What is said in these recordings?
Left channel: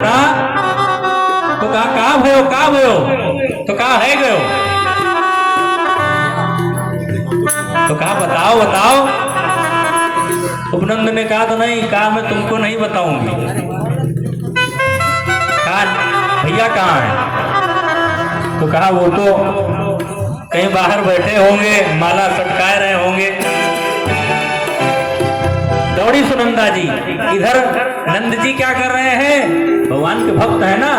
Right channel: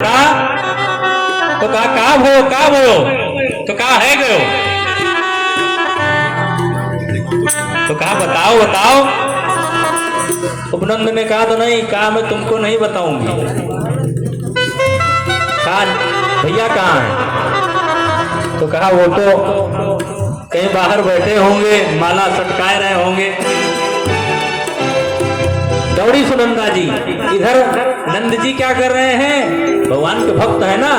तो कहा भयो तो कहा है गयो तो कहा बताओ। उपनंद ने कहा तो नहीं, कहा मैं तुमको नहीं बताऊंगी। कहा भैया कहाँ है? तो कहा वो तो कहीं बाहर बैठे होंगे, माला सटकाए रहे होंगे। दौड़ी सुनंदा जी, इधर नंद जी क्या कर रहे हैं? भगवान के भक्त है ना,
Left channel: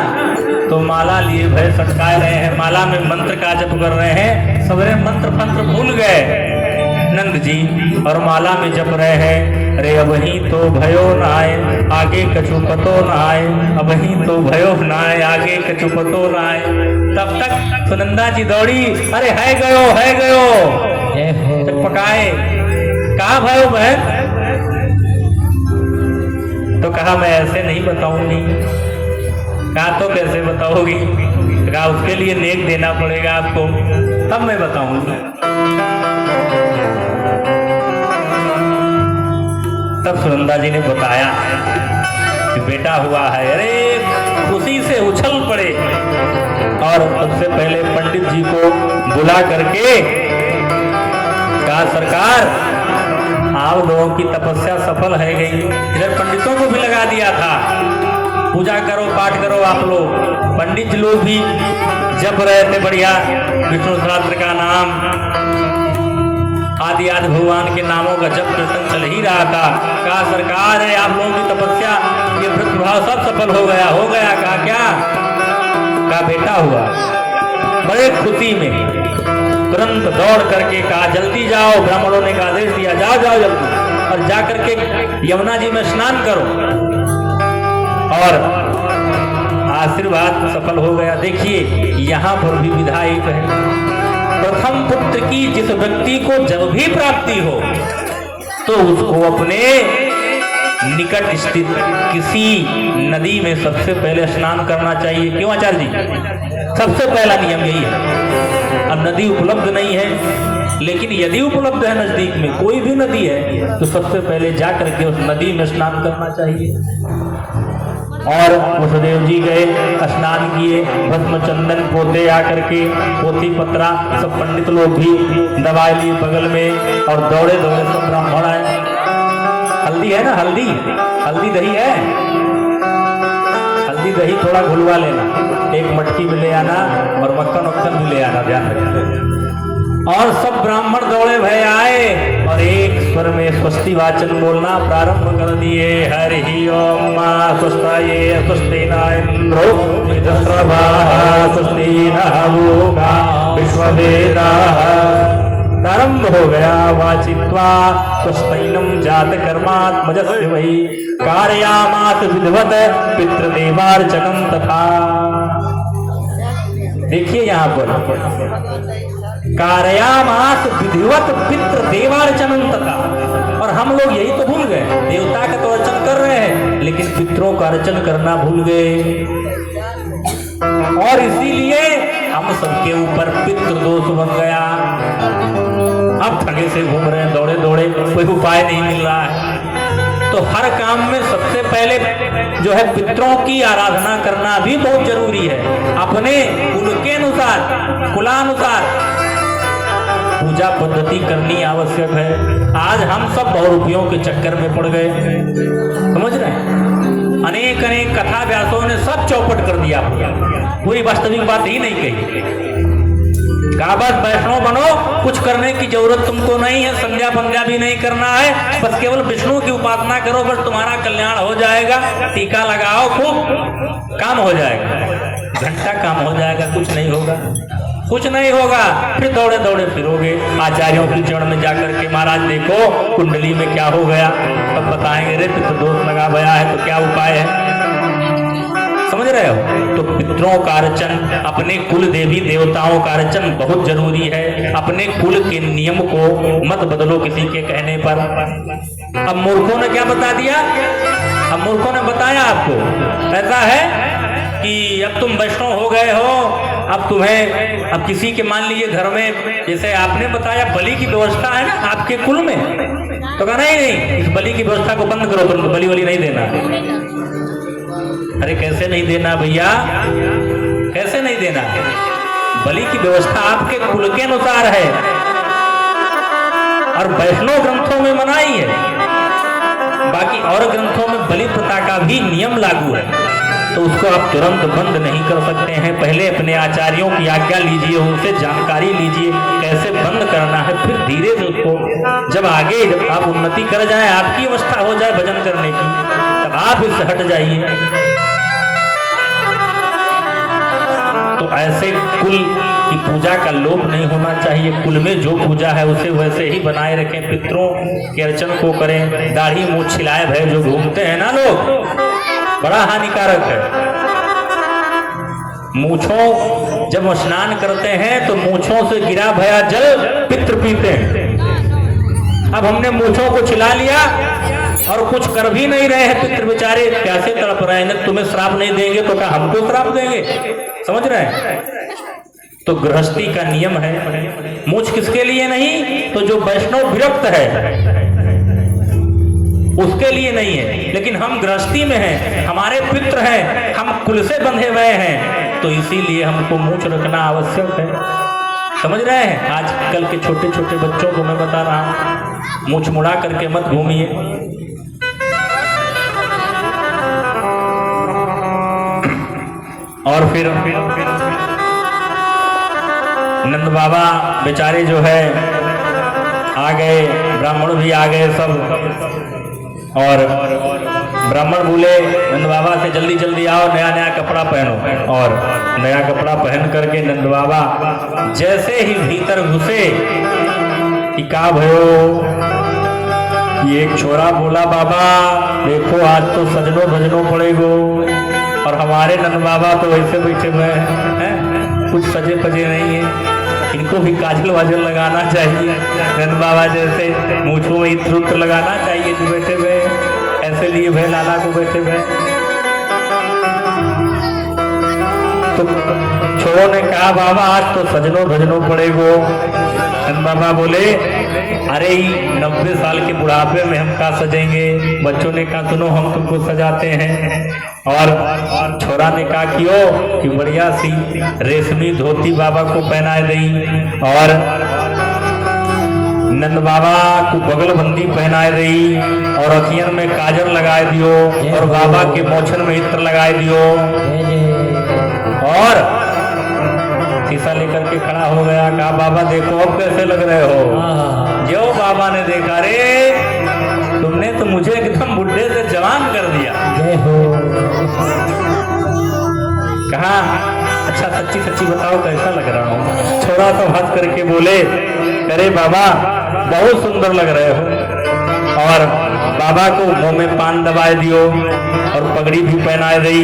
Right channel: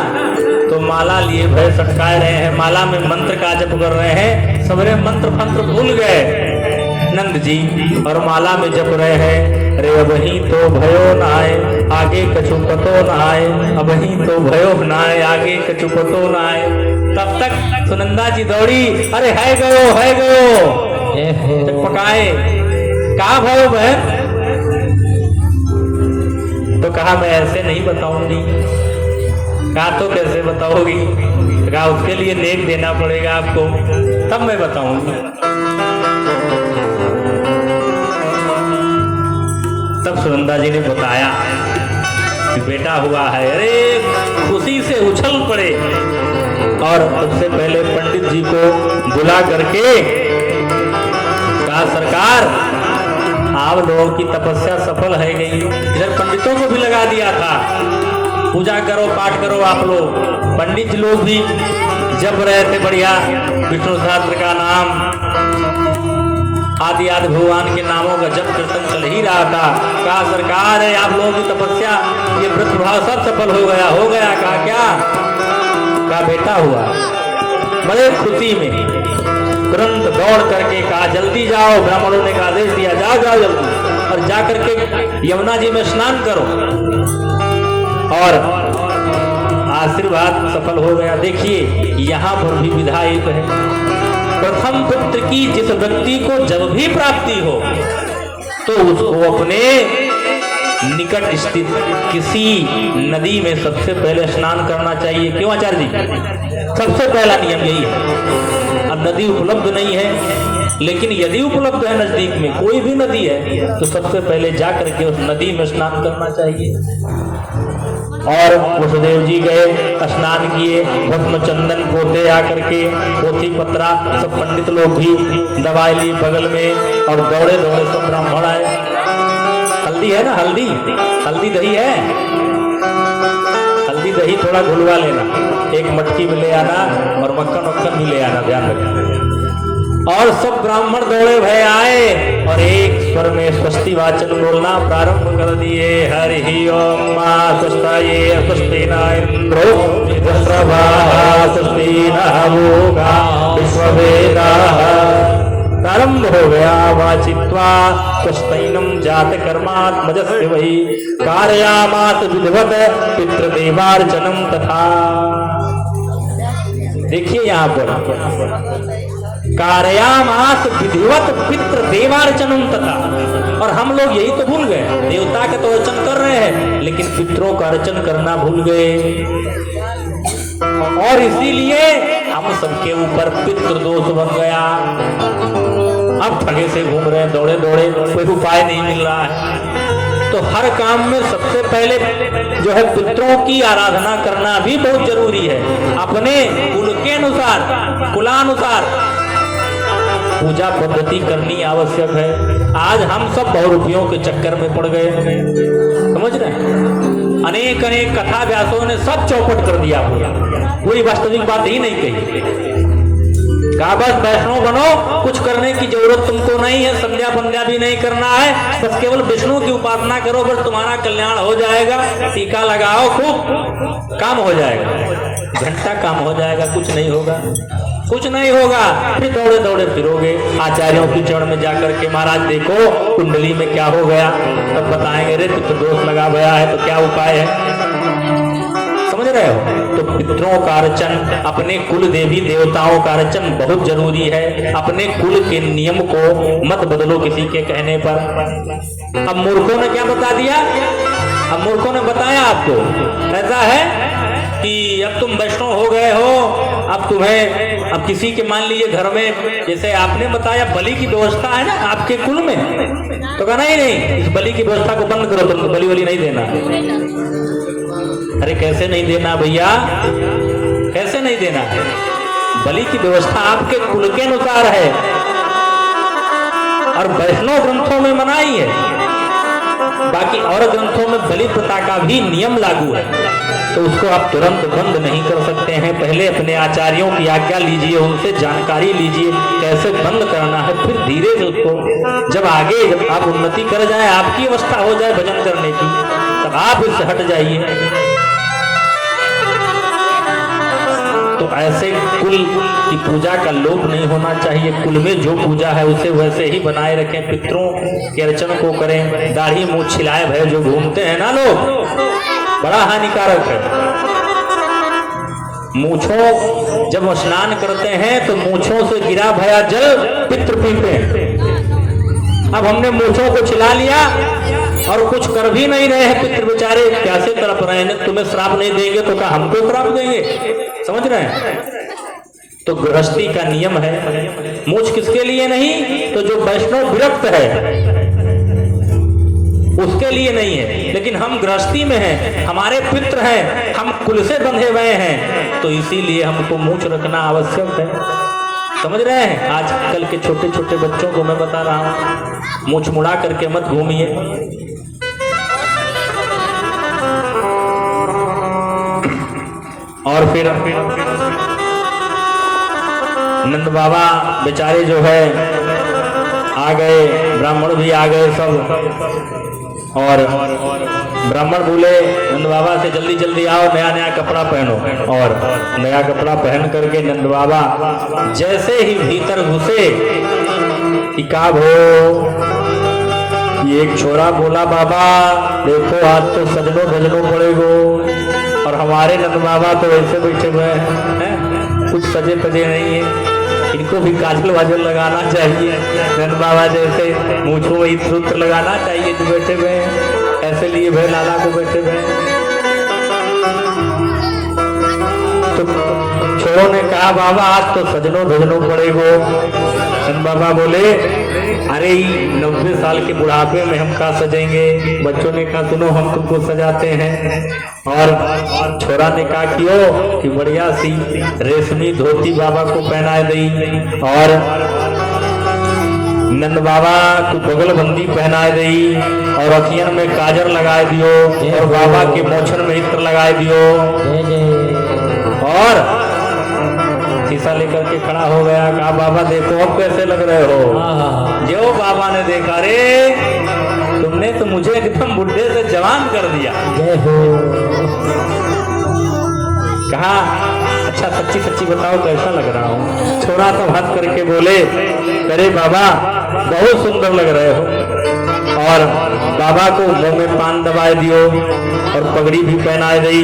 तो माला लिए भय सटकाए रहे हैं, माला में मंत्र का जप कर रहे हैं। सवेरे मंत्र फंत्र भूल गए नंद जी और माला में जप रहे हैं। अरे अबही तो भयो नाय आगे कछु पतो नाय, अबही तो भयो नाय आगे कछु पतो नाय। तब तक सुनंदा जी दौड़ी, अरे है गयो पकाए। कहा भयो बहन? तो कहा मैं ऐसे नहीं बताऊंगी। कहा तो कैसे बताओगी? कहा उसके लिए नेक देना पड़ेगा आपको, तब मैं बताऊंगी। तब सुनंदा जी ने बताया कि बेटा हुआ है। अरे खुशी से उछल पड़े और सबसे पहले पंडित जी को बुला करके कहा सरकार आप लोगों की तपस्या सफल है गई। इधर पंडितों को भी लगा दिया था, पूजा करो पाठ करो आप लोग। पंडित लोग भी जप रहे थे बढ़िया विष्णु सहस्त्र का नाम, आदि आदि भगवान के नामों का जप कीर्तन चल ही रहा था। कहा सरकार है आप लोगों की तपस्या ये व्रत भाव सब सफल हो गया। कहा क्या? कहा बेटा हुआ। बड़े खुशी में तुरंत दौड़ करके कहा जल्दी जाओ, ब्राह्मणों ने आदेश दिया जाओ जल्दी, और जाकर के यमुना जी में स्नान करो। और आशीर्वाद सफल हो गया। देखिए यहाँ पर भी विधा एक है, प्रथम पुत्र की जिस व्यक्ति को जब भी प्राप्ति हो तो उसको अपने निकट स्थित किसी नदी में सबसे पहले स्नान करना चाहिए। क्यों आचार्य जी? सबसे पहला नियम यही है। अब नदी उपलब्ध नहीं है, लेकिन यदि उपलब्ध है नजदीक में कोई भी नदी है तो सबसे पहले जाकर के उस नदी में स्नान करना चाहिए। और वसुदेव जी गए, स्नान किए, भस्म चंदन पोते आकर के, पोथी पत्रा सब पंडित लोग भी दवाई ली बगल में, और दौड़े सब ब्राह्मण आए। हल्दी है ना, हल्दी दही है, हल्दी दही थोड़ा घुलवा लेना, एक मटकी में ले आना और मक्खन भी ले आना, ध्यान रखना। और सब ब्राह्मण दौड़े भय आए और एक स्वर में स्वस्ति वाचन बोलना प्रारंभ कर दिए। हरि ओम स्वस्ताये स्वस्ति न इंद्रो मित्रभाः स्वस्ति नः विश्ववेदाः। प्रारंभ हो गया। वाचित्वा स्वस्तैनं जात कर्मात्मजस्य वै कारयामास विधिवत पितृदेवार्चनं तथा। देखिए यहाँ पर कार्यामास विधिवत पितृ देवार्चनम तथा, और हम लोग यही तो भूल गए। देवता का तो अर्चन कर रहे हैं लेकिन पितरों का अर्चन करना भूल गए, और इसीलिए हम सबके ऊपर पितृ दोष बन गया। अब थके से घूम रहे हैं, दौड़े कोई उपाय नहीं मिल रहा है। तो हर काम में सबसे पहले जो है पितरों की आराधना करना भी बहुत जरूरी है। अपने कुल के अनुसार, कुलानुसार पूजा पद्धति करनी आवश्यक है। आज हम सब बहुरूपियों के चक्कर में पड़ गए, समझ रहे हैं? अनेक कथा व्यासों ने सब चौपट कर दिया, कोई वास्तविक बात ही नहीं कही। कहा बस वैष्णव बनो, कुछ करने की जरूरत तुमको नहीं है, संध्या पंध्या भी नहीं करना है, बस केवल विष्णु की उपासना करो, बस तुम्हारा कल्याण हो जाएगा। टीका लगाओ खूब, काम हो जाएगा, घंटा काम हो जाएगा, कुछ नहीं होगा। फिर दौड़े फिरोगे आचार्यों की चरण में जाकर के, महाराज देखो कुंडली में क्या हो गया, तब बताएंगे रे तो दोष लगा गया है तो क्या उपाय है, समझ रहे हो? तो पितरों का अर्चन, अपने कुल देवी देवताओं का अर्चन बहुत जरूरी है। अपने कुल के नियम को मत बदलो किसी के कहने पर। अब मूर्खों ने क्या बता दिया? अब मूर्खों ने बताया आपको ऐसा है कि अब तुम वैष्णव हो गए हो, अब तुम्हें, अब किसी के मान लीजिए घर में, जैसे आपने बताया बलि की व्यवस्था है ना आपके कुल में, तो कहना ही नहीं, इस बलि की व्यवस्था को बंद करो, तुम बलि वली नहीं देना। अरे कैसे नहीं देना भैया, कैसे नहीं देना? बलि की व्यवस्था आपके कुल के अनुसार है और वैष्णव ग्रंथों में मनाई है, बाकी और ग्रंथों में बलि प्रथा का भी नियम लागू है, तो उसको आप तुरंत बंद नहीं कर सकते हैं। पहले अपने आचार्यों की आज्ञा लीजिए, उनसे जानकारी लीजिए कैसे बंद करना है, फिर धीरे उसको जब आगे आप उन्नति कर जाए, आपकी अवस्था हो जाए भजन करने की, तब आप इससे हट जाइए। तो ऐसे कुल की पूजा का लोप नहीं होना चाहिए। कुल में जो पूजा है उसे वैसे ही बनाए रखें, पितरों के अर्चन को करें। दाढ़ी मूछ छिलाए भय जो घूमते हैं ना लोग, बड़ा हानिकारक है। मूछों जब स्नान करते हैं तो मूछों से गिरा भया जल पितृ पीते हैं। अब हमने मूछों को छिला लिया और कुछ कर भी नहीं रहे हैं, पितृ बेचारे कैसे तड़प रहे हैं। तुम्हें श्राप नहीं देंगे तो क्या हमको श्राप देंगे? समझ रहे हैं? तो गृहस्थी का नियम है, मूछ किसके लिए नहीं, तो जो वैष्णव विरक्त है उसके लिए नहीं है, लेकिन हम गृहस्थी में हैं, हमारे पितृ हैं, हम कुल से बंधे हुए हैं, तो इसीलिए हमको मूछ रखना आवश्यक है। समझ रहे हैं? आजकल के छोटे छोटे बच्चों को मैं बता रहा हूं, मूछ मुड़ा करके मत घूमिए। और फिर नंद बाबा बेचारे जो है आ गए, ब्राह्मण भी आ गए सब, और ब्राह्मण बोले नंद बाबा से जल्दी जल्दी आओ, नया नया कपड़ा पहनो। और नया कपड़ा पहन करके नंद बाबा जैसे ही भीतर घुसे कि का भयो, ये एक छोरा बोला बाबा देखो आज तो सजनो भजनो पड़ेगो। और हमारे नंद बाबा तो ऐसे बैठे हुए हैं, कुछ सजे पजे नहीं है, इनको भी काजल वाजल लगाना चाहिए। नंद बाबा जैसे मूछों में इत्र लगाना चाहिए जो बैठे हुए हैं, ऐसे लिए भाई लाला को बैठे हुए। तो छोरों ने कहा बाबा आज तो सजनो भजनो पड़ेगो। नंद बाबा बोले अरे 90 साल के बुढ़ापे में हम क्या सजेंगे? बच्चों ने कहा सुनो हम तुमको सजाते हैं। और छोरा ने कहा क्यों कि बढ़िया सी रेशमी धोती बाबा को पहनाए दी, और नंद बाबा को बगल बंदी पहनाए दी, और अखियन में काजल लगाए दियो, और बाबा के मोछन में इत्र लगाए दियो। और शीशा लेकर के खड़ा हो गया, कहा बाबा देखो अब कैसे लग रहे हो? जो बाबा ने देखा रे तुमने तो मुझे एकदम बुढ़े से जवान कर दिया। कहा अच्छा सच्ची सच्ची बताओ कैसा लग रहा हूँ? थोड़ा सा हंस करके बोले अरे बाबा बहुत सुंदर लग रहे हो। और बाबा को मुंह में पान दबाए दियो और पगड़ी भी पहनाए दी।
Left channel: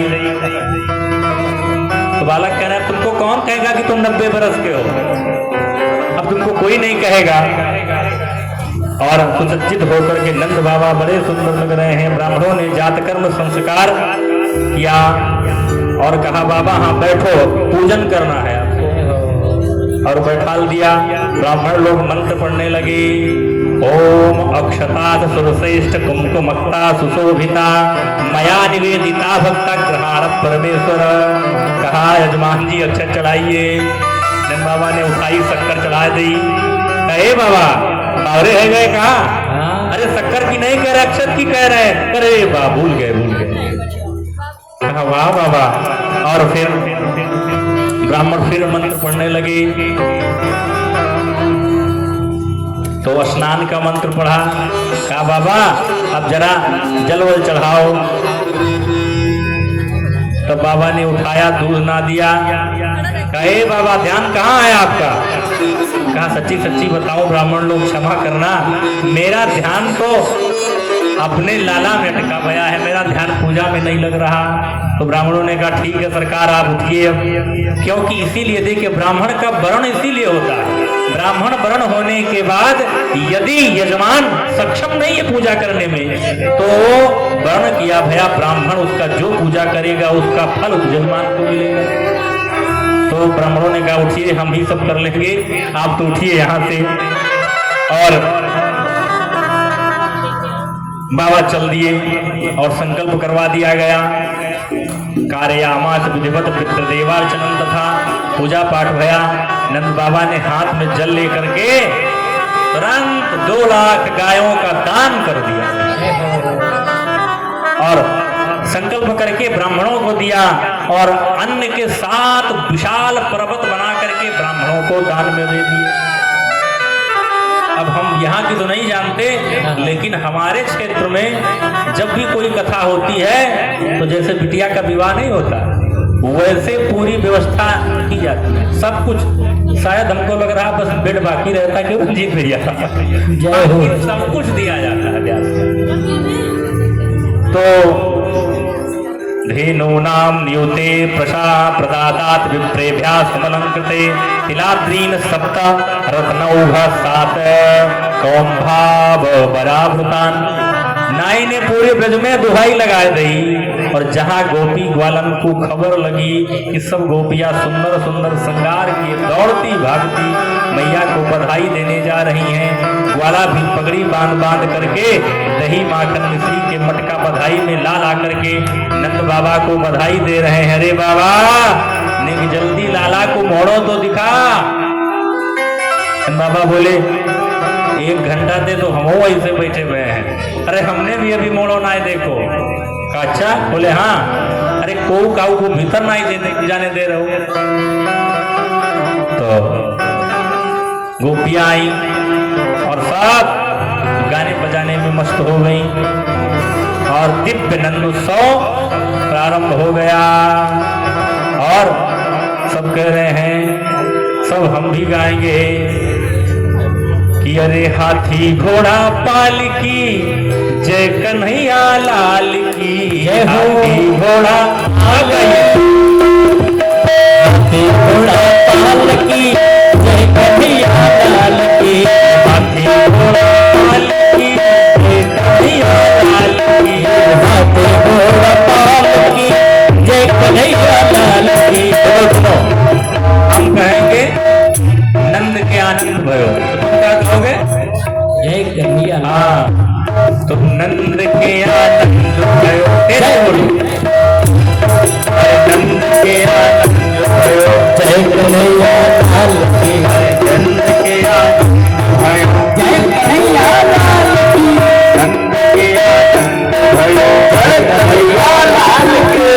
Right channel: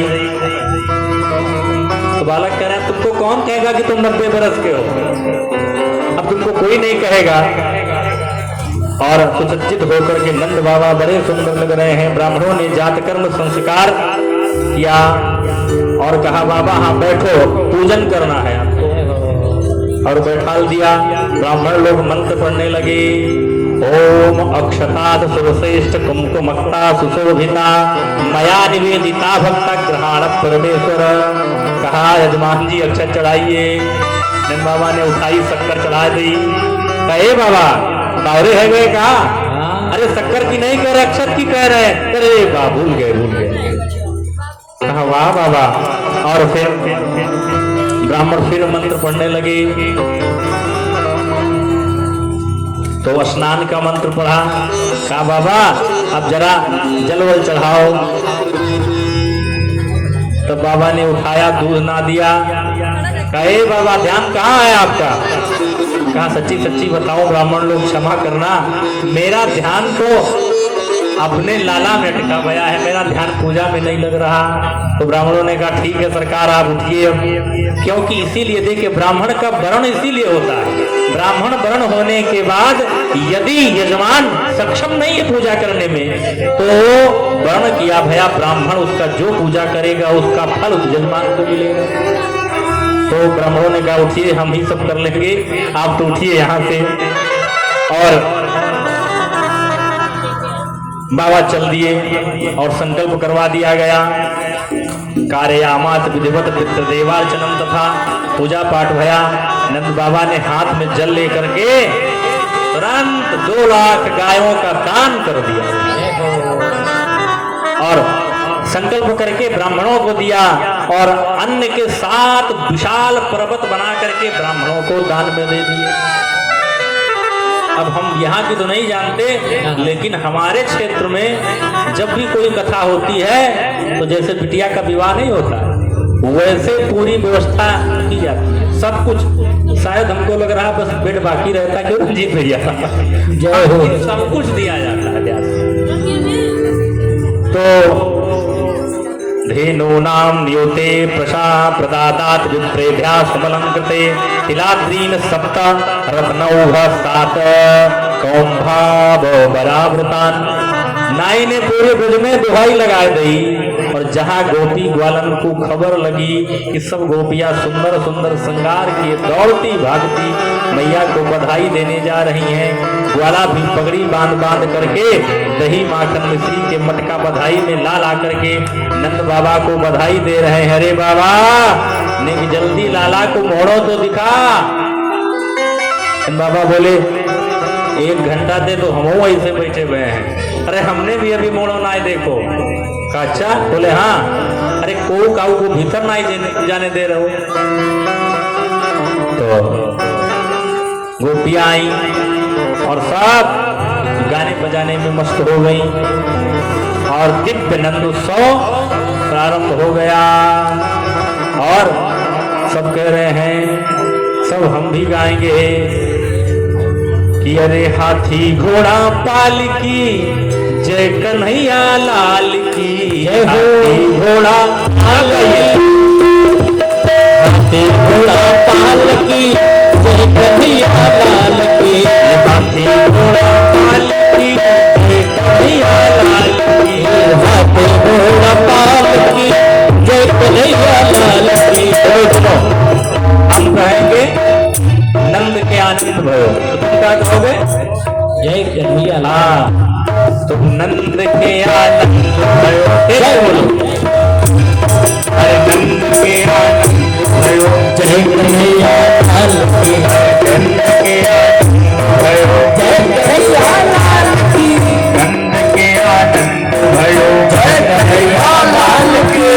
तो बालक कह रहा है तुमको कौन कहेगा कि तुम 90 बरस के हो? अब तुमको कोई नहीं कहेगा। और सुसज्जित होकर के नंद बाबा बड़े सुंदर लग रहे हैं। ब्राह्मणों ने जात कर्म संस्कार किया और कहा बाबा हाँ बैठो पूजन करना है, और बैठाल दिया। ब्राह्मण लोग मंत्र पढ़ने लगे, ओम अक्षतात् सर्वश्रेष्ठ कुंकुमक्ता सुशोभिता मया निवेदिता भक्त ग्रहाण परमेश्वर। कहा यजमान जी अक्षत चढ़ाइए। नंद बाबा ने उठाई शक्कर चढ़ा दी। कहे बाबा तारे है गए? कहा अरे शक्कर की नहीं कह रहे अक्षत की कह रहे। अरे बा भूल गए। कहा वाह बाबा। और फिर ब्राह्मण फिर मंत्र पढ़ने लगे, तो स्नान का मंत्र पढ़ा। कहा बाबा अब जरा जल वल चढ़ाओ। तो बाबा ने उठाया, दूध ना दिया। कहे बाबा ध्यान कहाँ है आपका? कहा सच्ची सच्ची बताओ ब्राह्मण लोग क्षमा करना, मेरा ध्यान तो अपने लाला में अटका गया है, मेरा ध्यान पूजा में नहीं लग रहा। तो ब्राह्मणों ने कहा ठीक है सरकार आप उठिए, क्योंकि इसीलिए देखिए ब्राह्मण का वर्ण इसीलिए होता है। ब्राह्मण वर्ण होने के बाद यदि यजमान सक्षम नहीं है पूजा करने में, तो वर्ण किया भया ब्राह्मण उसका जो पूजा करेगा उसका फल उस यजमान को मिलेगा। तो ब्राह्मणों ने कहा उठिए हम ही सब कर लेंगे, आप तो उठिए यहाँ से। और बाबा चल दिए और संकल्प करवा दिया गया। कार्यामास विधिवत पितृदेवार्चनम तथा पूजा पाठ भया। नंद बाबा ने हाथ में जल लेकर के तुरंत 2 लाख गायों का दान कर दिया और संकल्प करके ब्राह्मणों को दिया और अन्न के साथ विशाल पर्वत बना करके ब्राह्मणों को दान में दे दिए। अब हम यहाँ की तो नहीं जानते, लेकिन हमारे क्षेत्र में जब भी कोई कथा होती है तो जैसे बिटिया का विवाह नहीं होता वैसे पूरी व्यवस्था की जाती है, सब कुछ। शायद हमको लग रहा बस बेड बाकी रहता क्यों रंजीत भैया, सब कुछ दिया जाता है। तो धेनूनां नियुते प्रशा प्रदातात् विप्रेभ्यः समलंकृते तिलाद्रीन् 7 रत्नौः 7 सौंभावरावृतान्। नाई ने पूरे ब्रज में दुहाई लगा दी और जहाँ गोपी ग्वालन को खबर लगी कि सब गोपियां सुंदर सुंदर श्रृंगार किए दौड़ती भागती मैया को बधाई देने जा रही हैं। ग्वाला भी पगड़ी बांध बांध करके दही माखन मिश्री के मटका बधाई में ला ला करके नंद बाबा को बधाई दे रहे हैं। अरे बाबा ने जल्दी लाला को मोड़ो तो दिखा। बाबा बोले 1 घंटा दे तो हम ऐसे बैठे हुए हैं। अरे हमने भी अभी मोड़ो ना देखो। अच्छा बोले हाँ। अरे को काऊ को भीतर ना जाने दे रहे हो। तो गोपियां आई और सब गाने बजाने में मस्त हो गई और दिव्य नंदोत्सव प्रारंभ हो गया। और सब कह रहे हैं सब हम भी गाएंगे कि अरे हाथी घोड़ा पालकी जय कन्हैया लाल की। हाथी घोड़ा हाथी घोड़ा पालकी जय कन्हैया लाल की। हाथी घोड़ा पालकी जय कन्हैया लाल की। हाथी घोड़ा पालकी जय कन्हैया लाल की। हम कहेंगे नंद के आनंद भयो। तुम क्या कहोगे? जय कन्हैया लाल। तुम नंद के आनंद भयो। अरे नंद के आनंद भयो जय कन्हैया लाल की। नंद के आनंद भयो जय कन्हैया लाल की। नंद के आनंद भयो जय कन्हैया लाल की।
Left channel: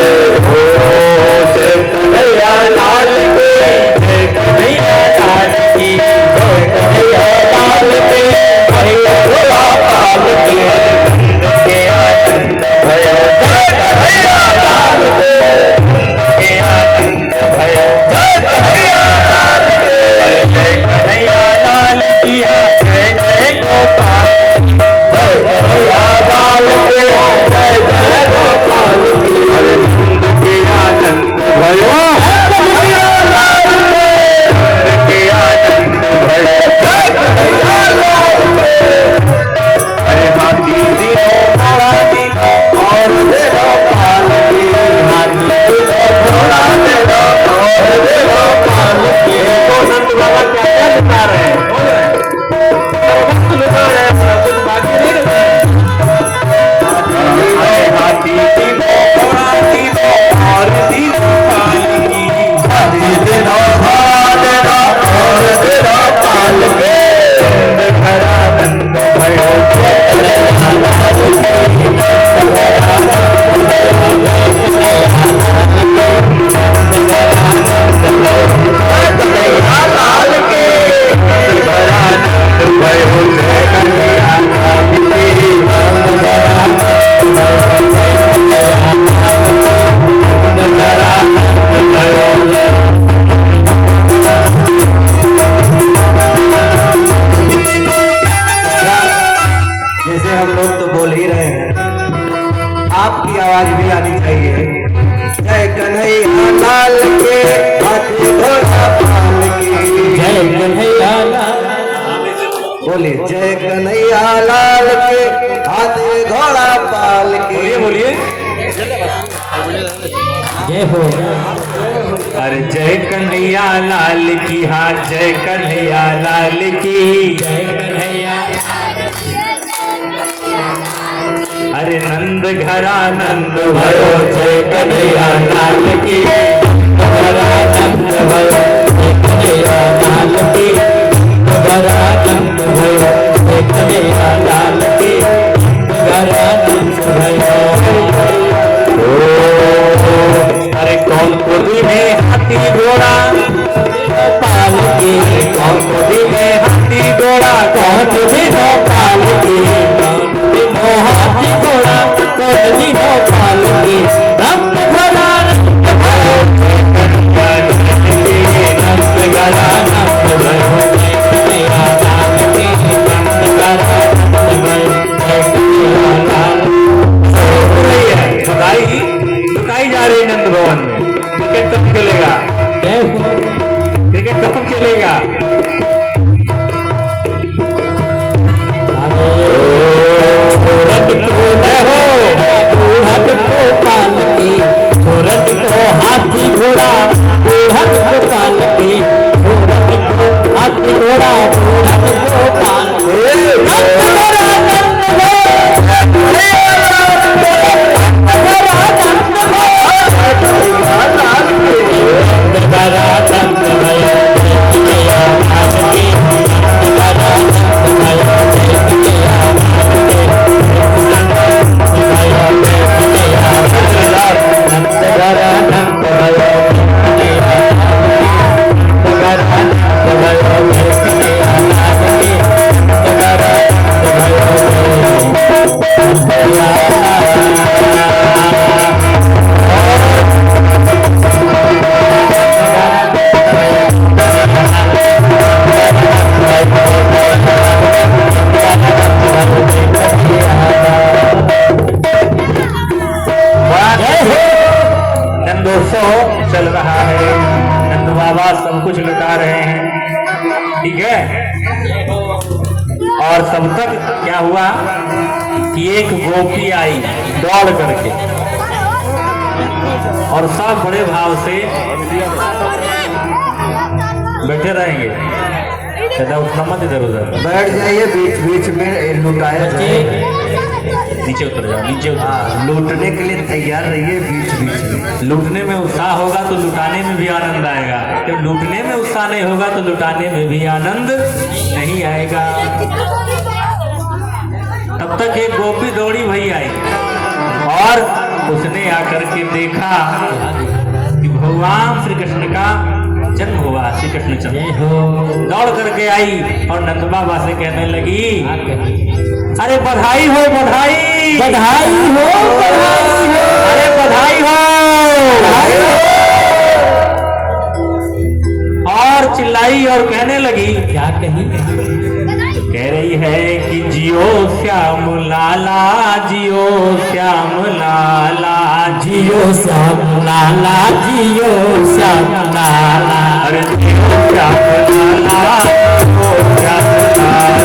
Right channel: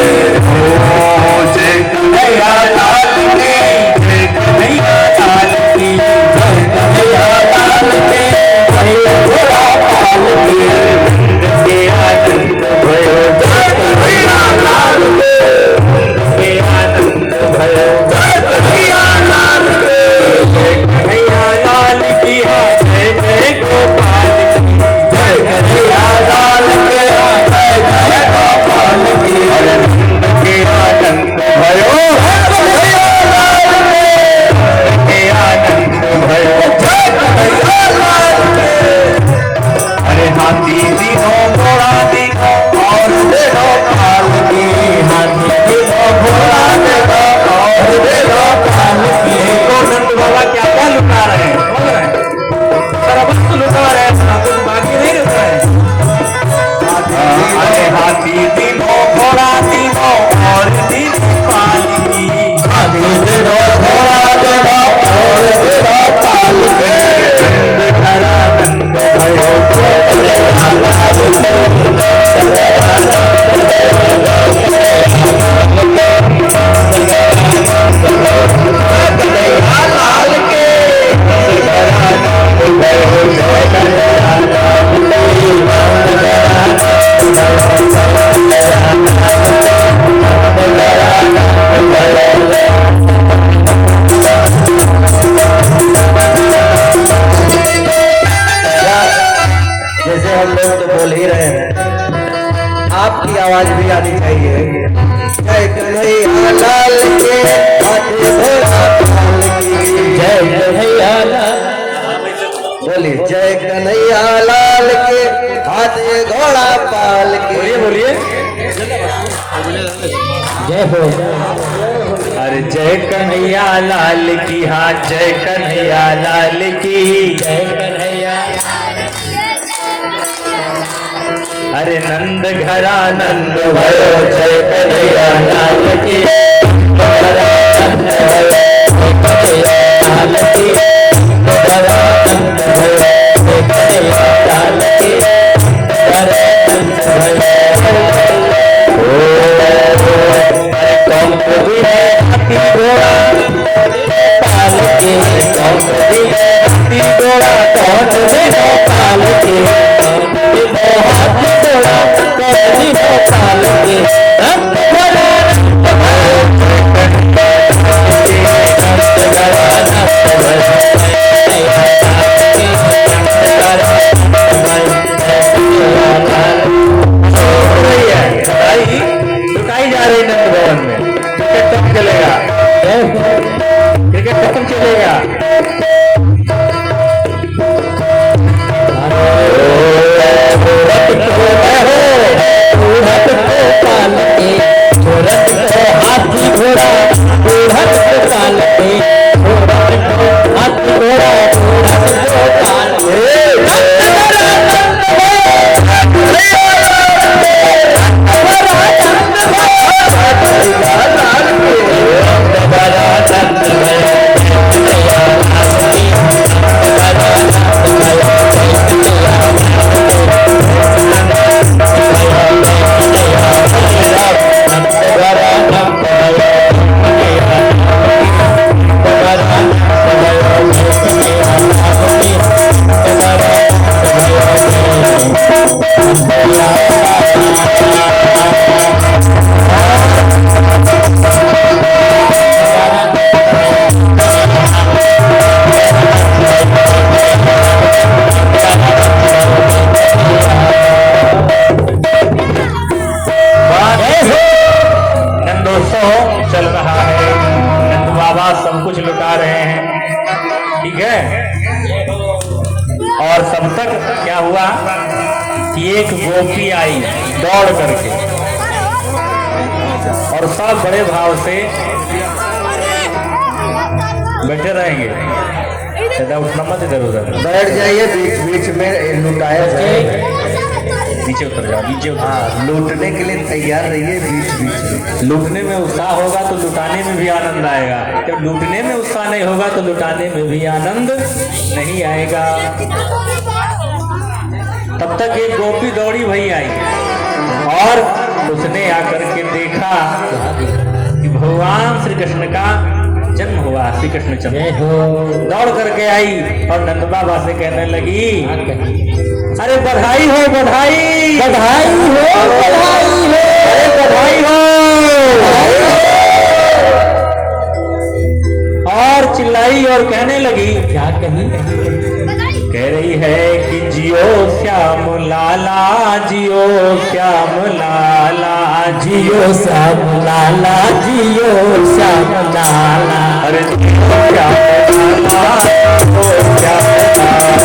जय कन्हैया लाल की। जय कन्हैया लाल की। जय कन्हैया लाल की। जय लाल की। नंद के आनंद भयो जय कन्हैया लाल की। के आनंद भयो जय कन्हैया लाल की। जय कन्हैया लाल की। जय जय गोपाल की। जय कन्हैया लाल की। जय जय गोपाल की। नंद के आनंद भयो कन्हैया लाल की। के आनंद भयो जय कन्हैया लाल की। अरे हाथी दिनो घोड़ा दिनो और देखो काल की। हाथी दिनो घोड़ा देखो और देखो काल की। तो नंद बाबा क्या क्या लुटा रहे हैं? बोल रहे हैं सर्वस्व लुटा रहे हैं, अपना कुछ बाकी नहीं रहता है। अरे हाथी दिनो घोड़ा दिनो और दिनो काल की। हाथी दिनो घोड़ा दिनो और दिनो काल की। नंद घरा नंद भयो जय कन्हैया लाल की। कन्हैया लाल के नंद भयो जय कन्हैया लाल जैसे हम लोग तो बोल ही रहे हैं, आपकी आवाज भी आनी चाहिए। जय कन्हैया लाल के। हाथी घोड़ा पाल की। जय कन्हैया लाल। बोलिए जय कन्हैया लाल के। हाथी घोड़ा पाल की। बोलिए जय हो। अरे जय कन्हैया लाल की। हाँ जय कन्हैया लाल की। जय कन्हैया। अरे नंद घरा नंद भयो जय कन्हैया लाल की, घरा नंद भयो जय कन्हैया लाल की, घरा नंद भयो जय कन्हैया लाल की, घरा नंद भयो। अरे कौन को दी है हाथी घोड़ा पाल के, कौन को दी है हाथी घोड़ा, कौन को दी है पाल के, हाथी घोड़ा कौन दी है पाल के, नंद घरा नंद भयो नंद घरा नंद भयो कन्हैया लाल की, घरा नंद भयो कन्हैया लाल की। लुटाई जा रही नंद भवन में। क्रिकेट कब चलेगा? क्रिकेट कब चलेगा? हाथी घोड़ा पाल के, हाथी घोड़ा चल रहा है। नंद बाबा सब कुछ लुटा रहे हैं, ठीक है। और तब तक क्या हुआ कि एक गोपी आई दौड़ करके, और सब बड़े भाव से बैठे रहेंगे। उठना मत, इधर उधर बैठ जाइए, बीच बीच में लुटाया जाए, नीचे उतर जाओ, नीचे उतर। लूटने के लिए तैयार रहिए बीच बीच में। लूटने में उत्साह होगा तो लुटाने में भी आनंद आएगा, जब लूटने में उत्साह नहीं होगा तो लुटाने में भी आनंद नहीं आएगा। तब तक एक गोपी दौड़ी भई आई और उसने आकर के देखा कि भगवान श्री कृष्ण का जन्म हुआ। श्री कृष्ण जन्म दौड़ करके आई और नंद बाबा से कहने लगी, अरे बधाई हो, बधाई बधाई हो, बधाई हो, अरे बधाई हो। और चिल्लाई और कहने लगी, क्या कही? कह रही है कि जियो श्याम लाला, जियो श्याम लाला, जियो श्याम लाला, जियो श्याम लाला, अरे जियो श्याम लाला, जियो श्याम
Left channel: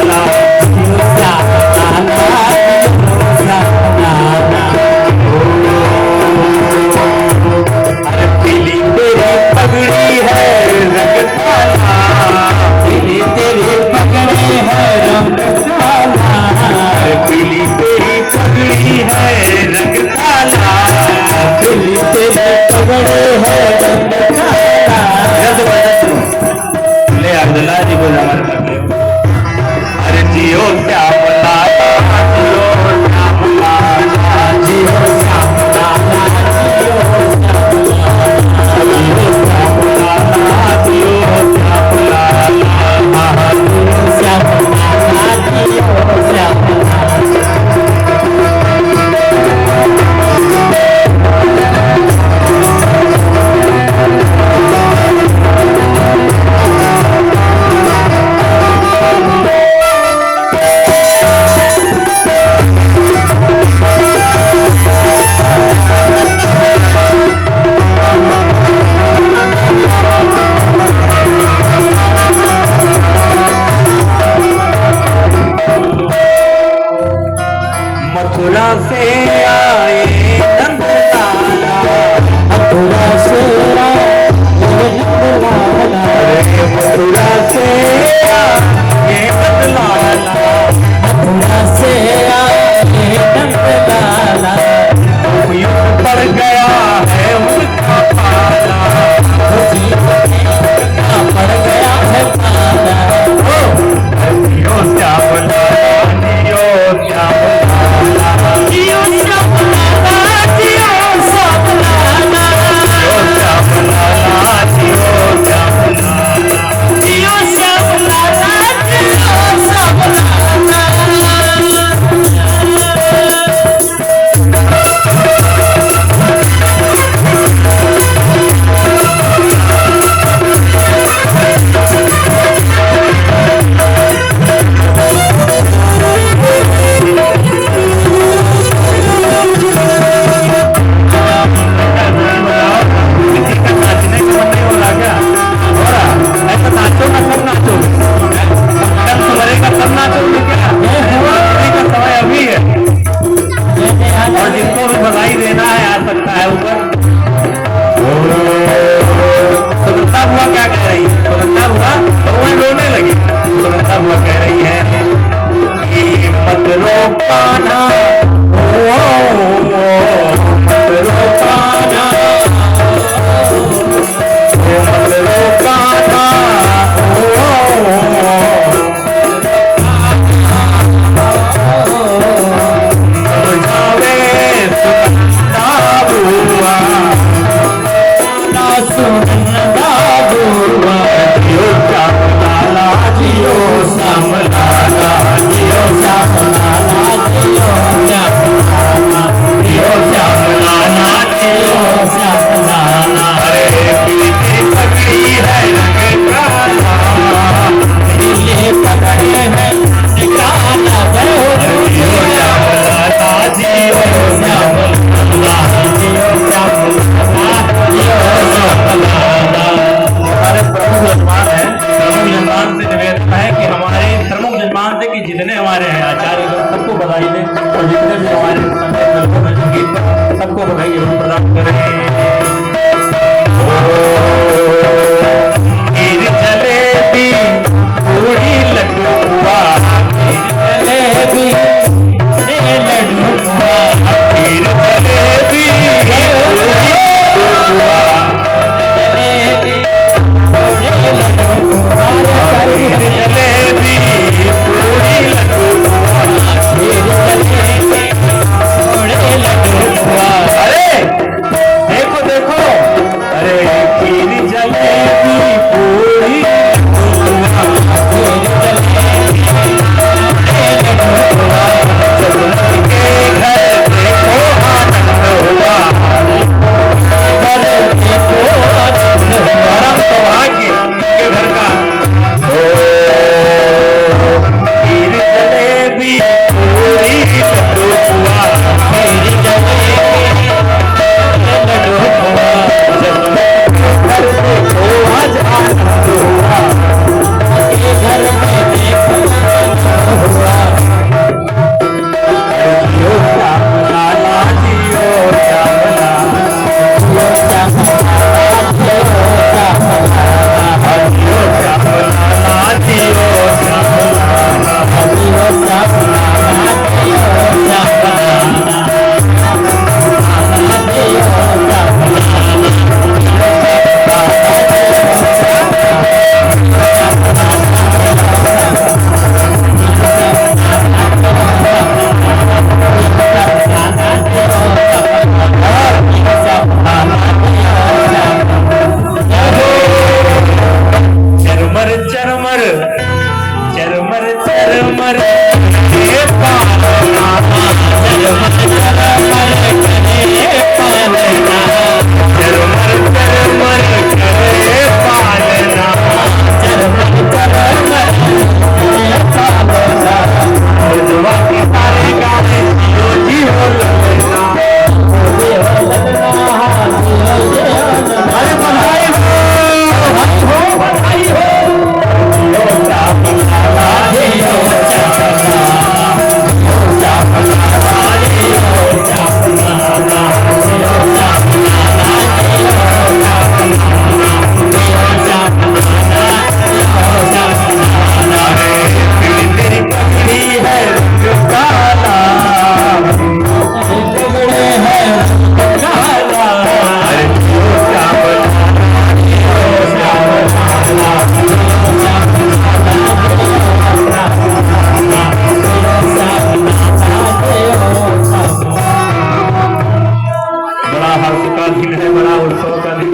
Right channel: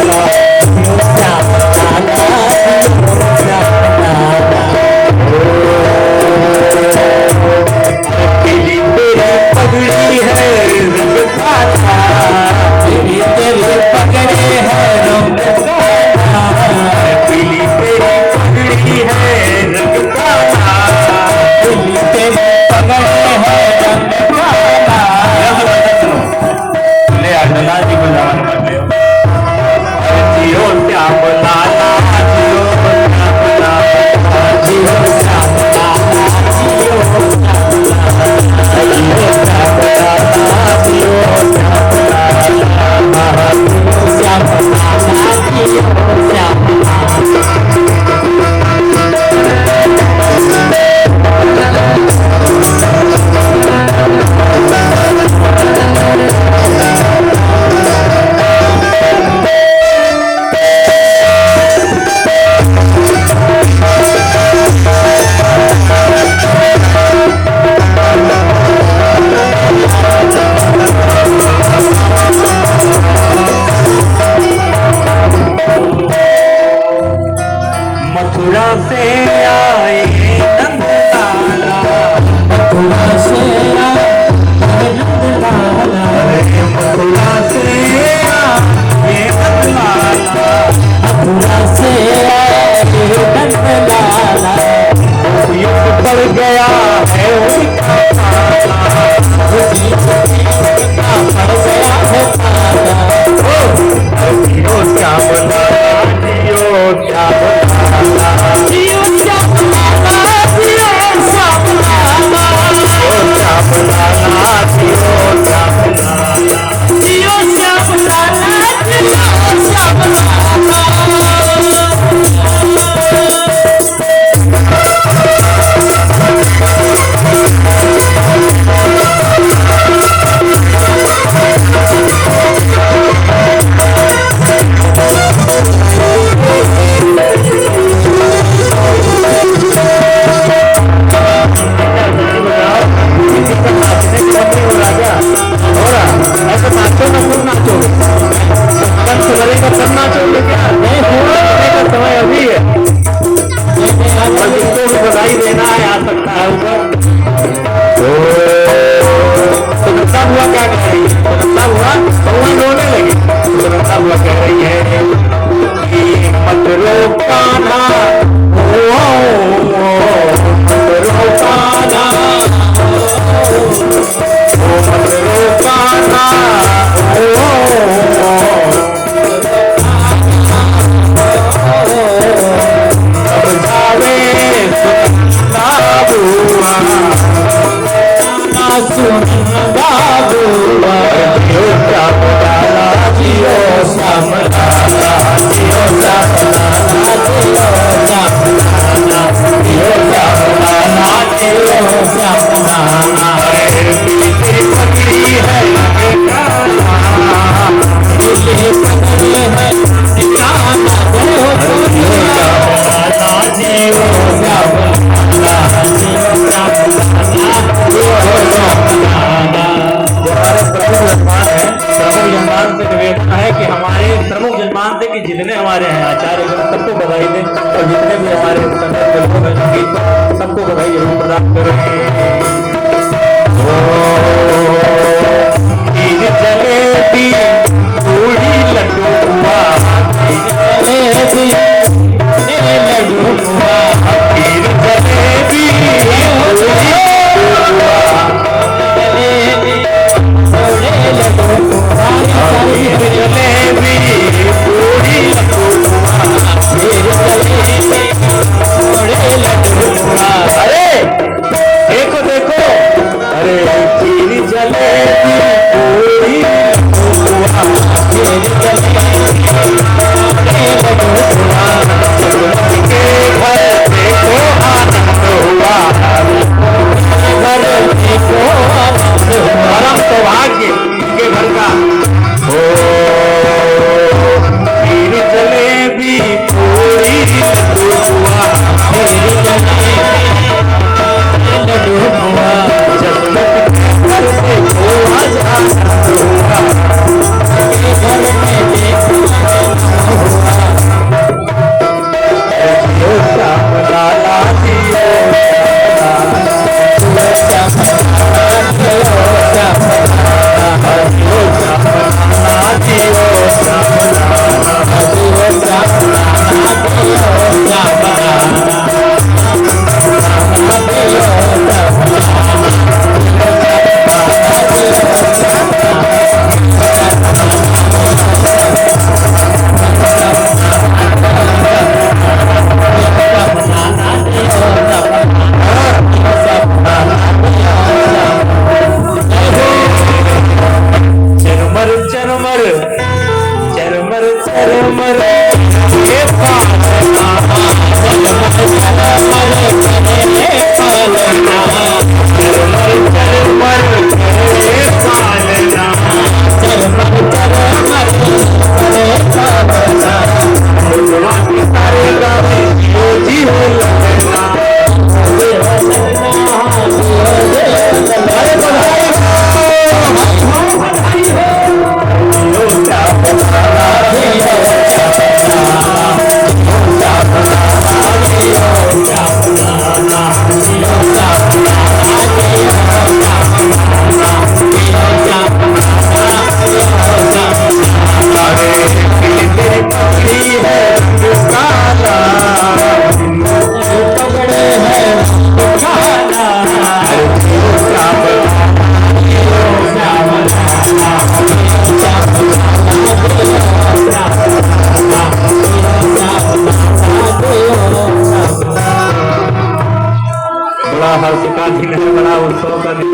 लाला, जियो श्याम लाला, जियो श्याम लाला। पीली तेरी पगड़ी है रंग काला, पीली तेरी पगड़ी है रंग काला, पीली तेरी पगड़ी है रंग काला, पीली तेरी पगड़ी है रंग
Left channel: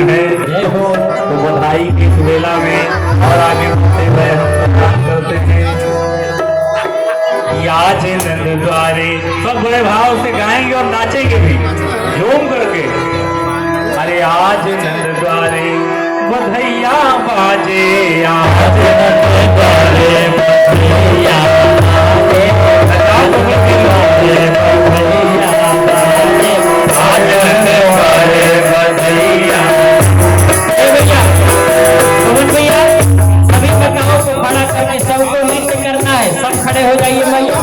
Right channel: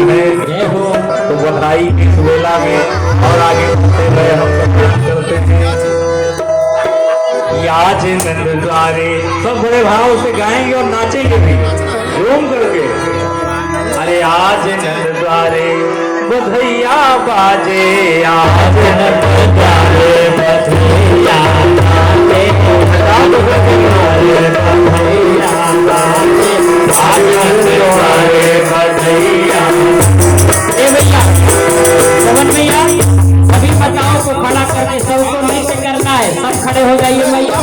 है जय हो। तो बधाई की सुबेला में और आगे बढ़ते हुए होते हैं आज नंद द्वारे, सब बड़े भाव से गाएंगे और नाचेंगे भी झूम करके। अरे आज नंद द्वारे बधैया बाजे, आज नंद द्वारे बधैया बाजे, बता दो बधैया बाजे, आज नंद द्वारे बधैया। भैया पवन भैया सभी बताओ को खड़ा करके सबको नृत्य करना है, सब खड़े हो जाइए भैया।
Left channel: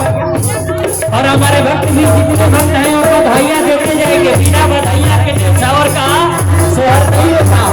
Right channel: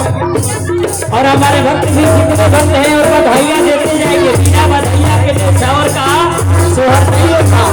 और हमारे भक्त जी जितने भक्त हैं और बधाइयाँ देते जाएंगे। बिना बधाइया के चावर का सोहर नहीं होता।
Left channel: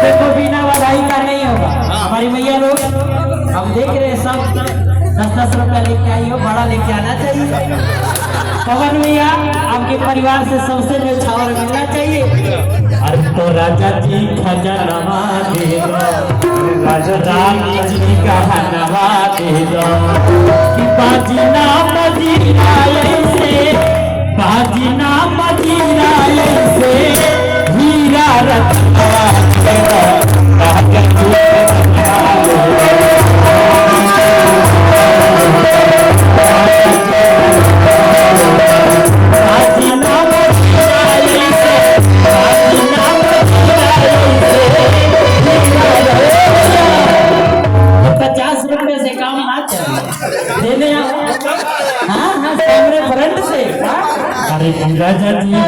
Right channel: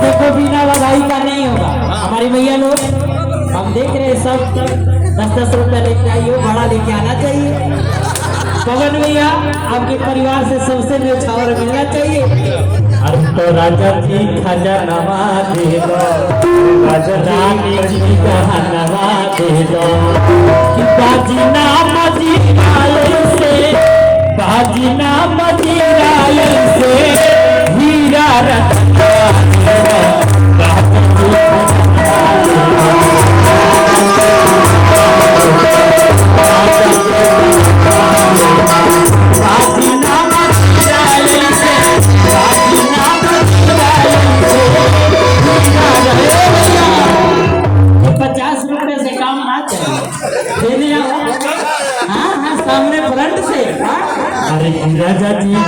देखो बिना बधाई का नहीं होगा। हमारी मैया लोग हम देख रहे हैं सब 10-10 रुपया लेके आई हो, भाड़ा लेके आना चाहिए। पवन भैया आपके परिवार से सबसे न्यौछावर मिलना चाहिए। अरे तो राजा जी खजनवा दे दो, राजा रानी जी का हनवा दे दो, कि बाजी ना मजीराए से, बाजी ना मजीराए से हीरा रत्ना राजा जी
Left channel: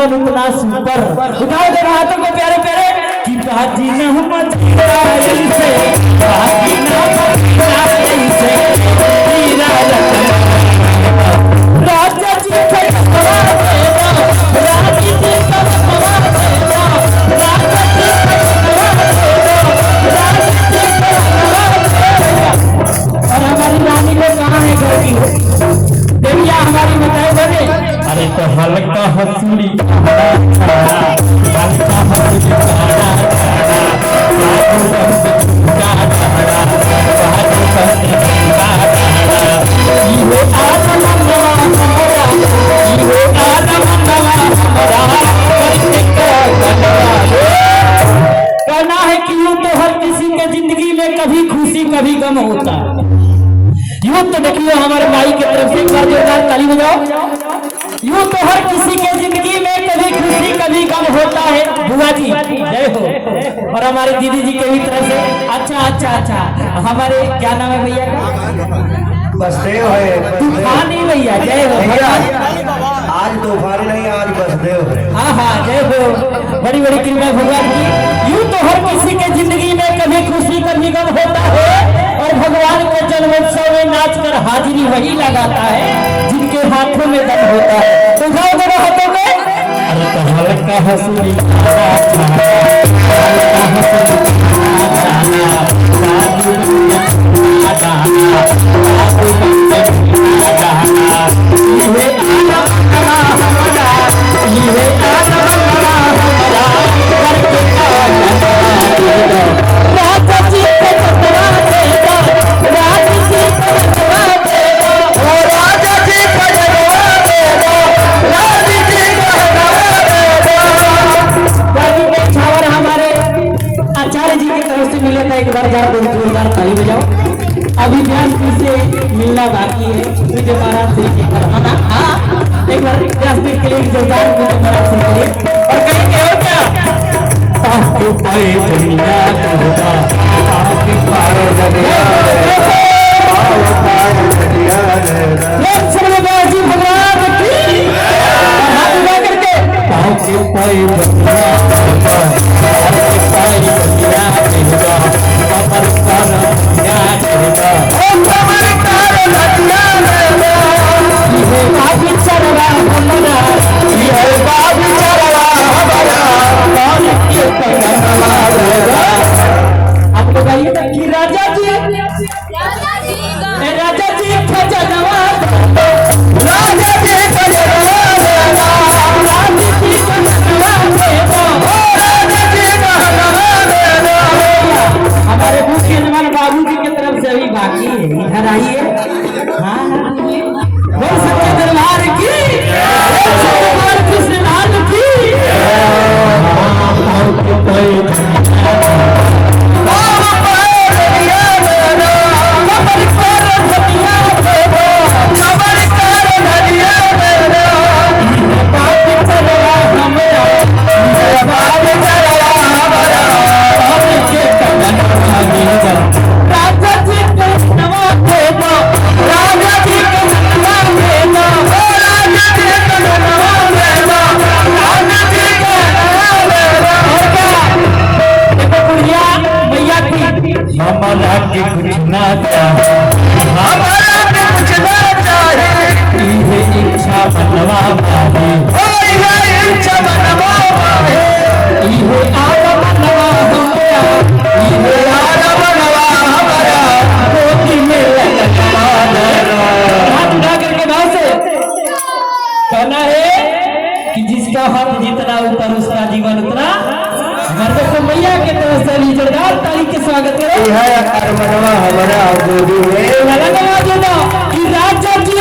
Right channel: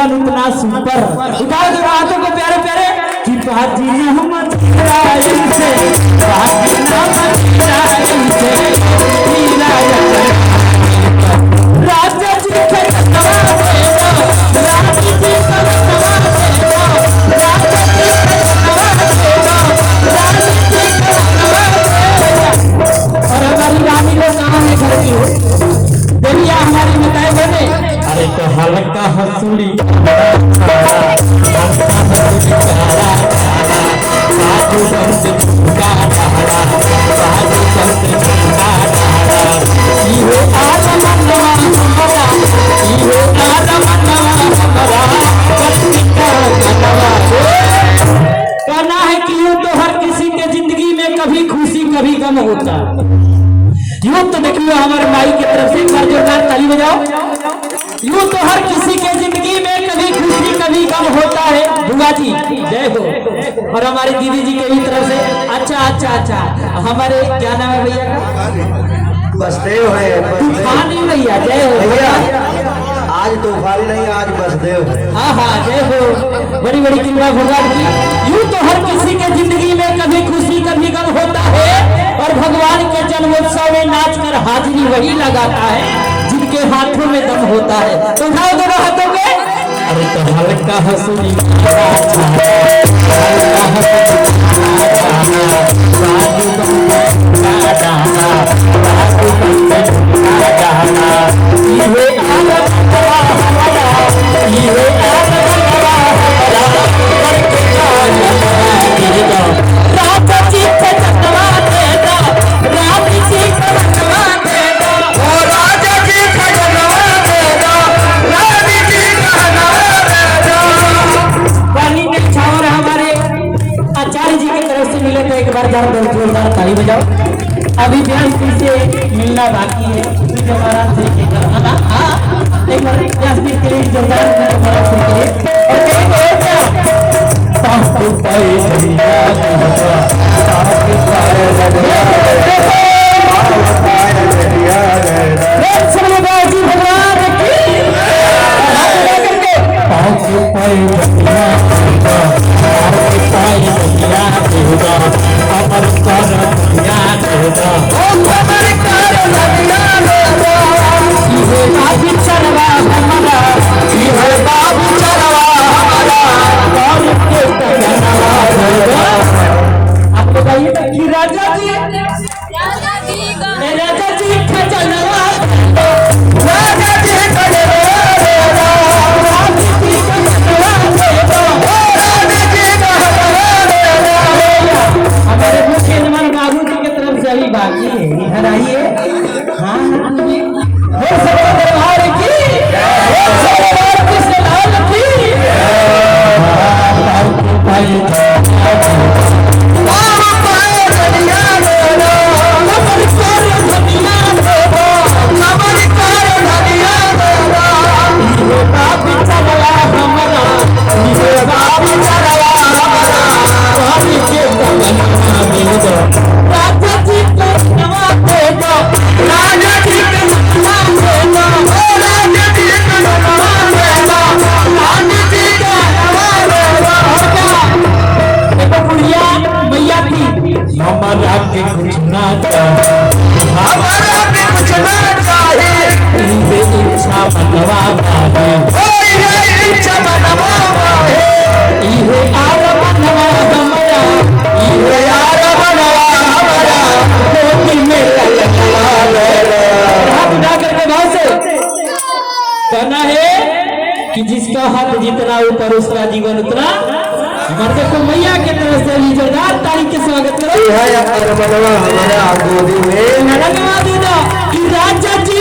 उतना सुपर उठाओ तो हाथों को प्यारे प्यारे कि बाजी न राजा जी और हमारी नानी लोग कहाँ है घर की हमारी बताए। अरे तो हल्का हसूड़ी तो हर किसी के जिंदगी में कभी खुशी कभी गम होता है। यूं तो देखिए हमारे भाई की तरफ से एक बार जोरदार ताली बजाओ। यूं तो हर किसी के जिंदगी में कभी खुशी कभी गम होता है। बुआ जी जय हो। और हमारे दीदी जी के भी तरफ से अच्छा हमारे क्या नाम है भैया का? बसदेव है तूफानी भैया जय हो भैया। आज तूफानी नहीं, आज बसदेव है। हाँ जय हो, बड़ी बड़ी कृपा भगवान की। यूं तो हर किसी के जिंदगी में कभी खुशी कभी गम होता है और भगवान के जन्मोत्सव में नाच कर हाजिरी वही लगाता है जिनके हाथों में दम होता है। तो उठाओ दोनों हाथों में। अरे तो हल्का हंसी ताली बजाओ। अभी ध्यान से मिलना बाकी है, उसके आराम से एक बार क्लासमेट के लिए जोरदार और कहेंगे कि जिसका हाथ जितना ऊपर उसका जीवन उतना। अगर तो मैया के तरफ से जोरदार ताली के स्वागत करें। राजा जी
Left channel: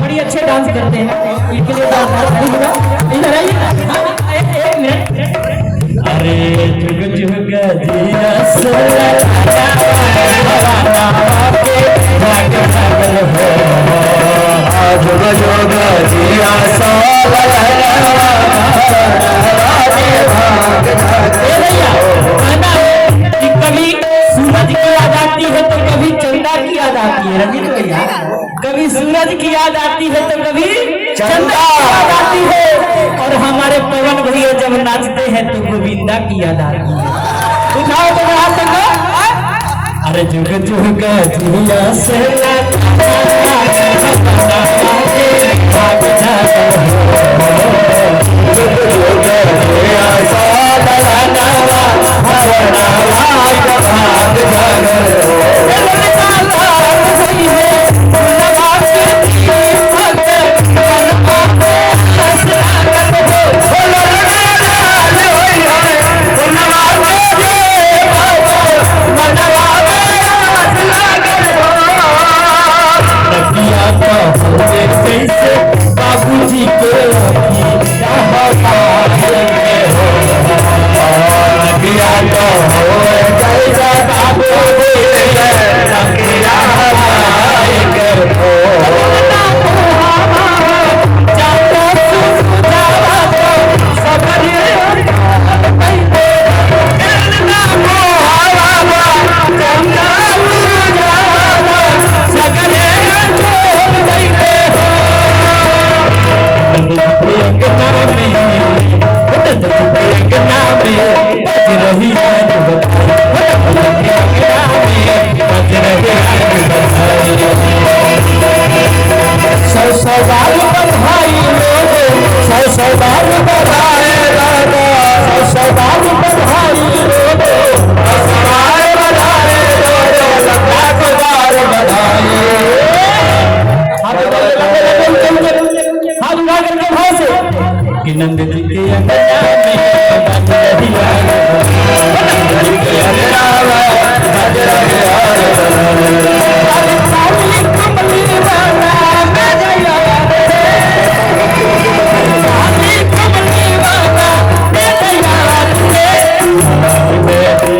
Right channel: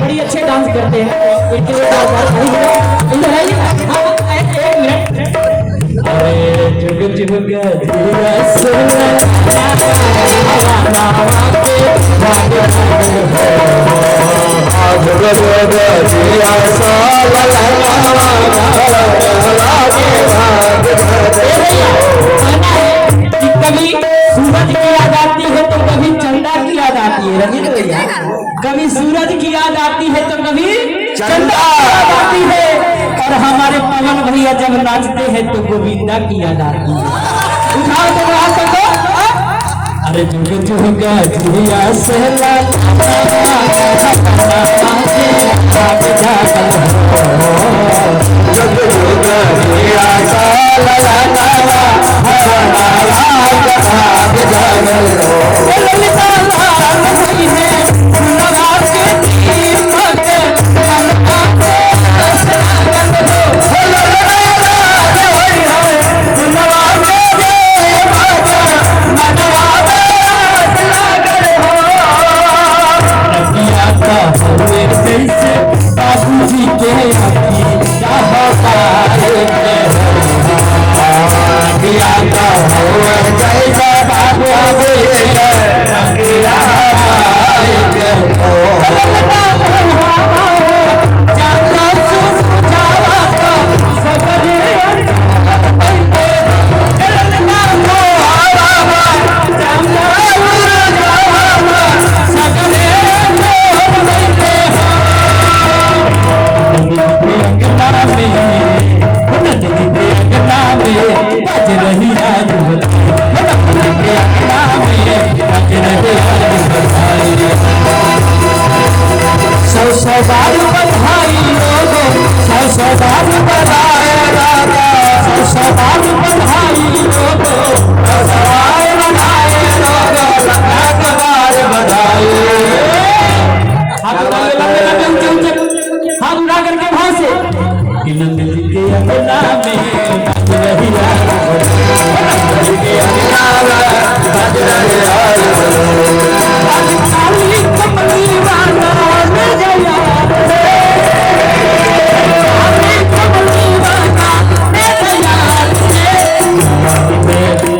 बड़ी अच्छे डांस करते हैं। अरे जुग जुग कभी सूरज की याद आती है तो कभी चंदा की याद आती है। रवि तो भैया कभी सूरज की याद आती है तो कभी चंदा की याद आती है। और हमारे पवन भैया आती है जब नाचते हैं तो गोविंदा की याद आती है। उठाओ तो वहां से को अरे जुग जुग जिया से बाबूजी नंद जी के अंगना में बाज रही नंद जी के अंगना में बाज रही कमली राना में जया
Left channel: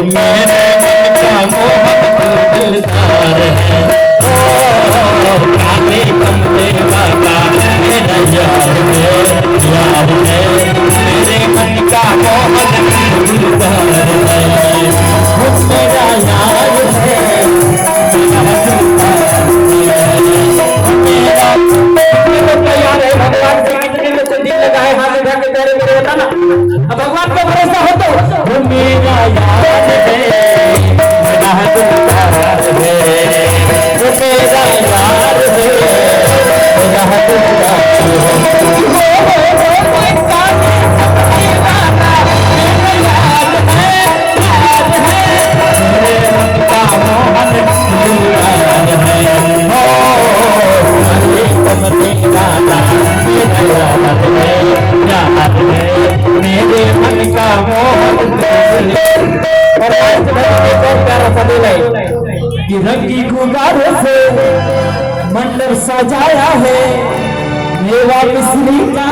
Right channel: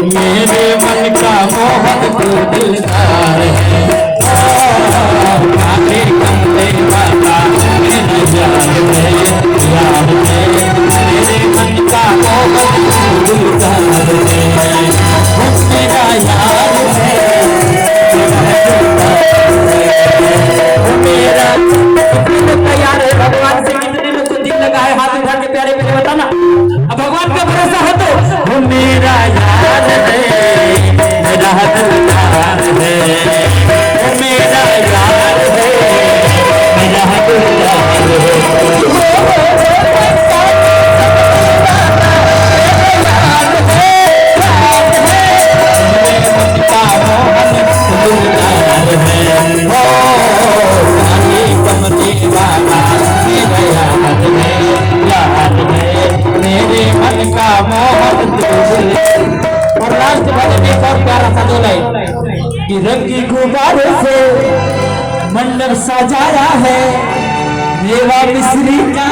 मेरे मन का मोहन तू दिलदार है काले कमले बाबा मेरा यार है मेरे मन का मोहन तू दिलदार है मेरा यार है मेरा यार है। भगवान से कितने में तो दिल लगा है हाथ उठा के प्यारे मेरे बताना। अब भगवान का भरोसा हो तो वो मेरा यार है मेरा दिलदार है वो मेरा यार है मेरा दिलदार रंगी गुब्बारे से मंडप सजाया है मेवा मिश्री का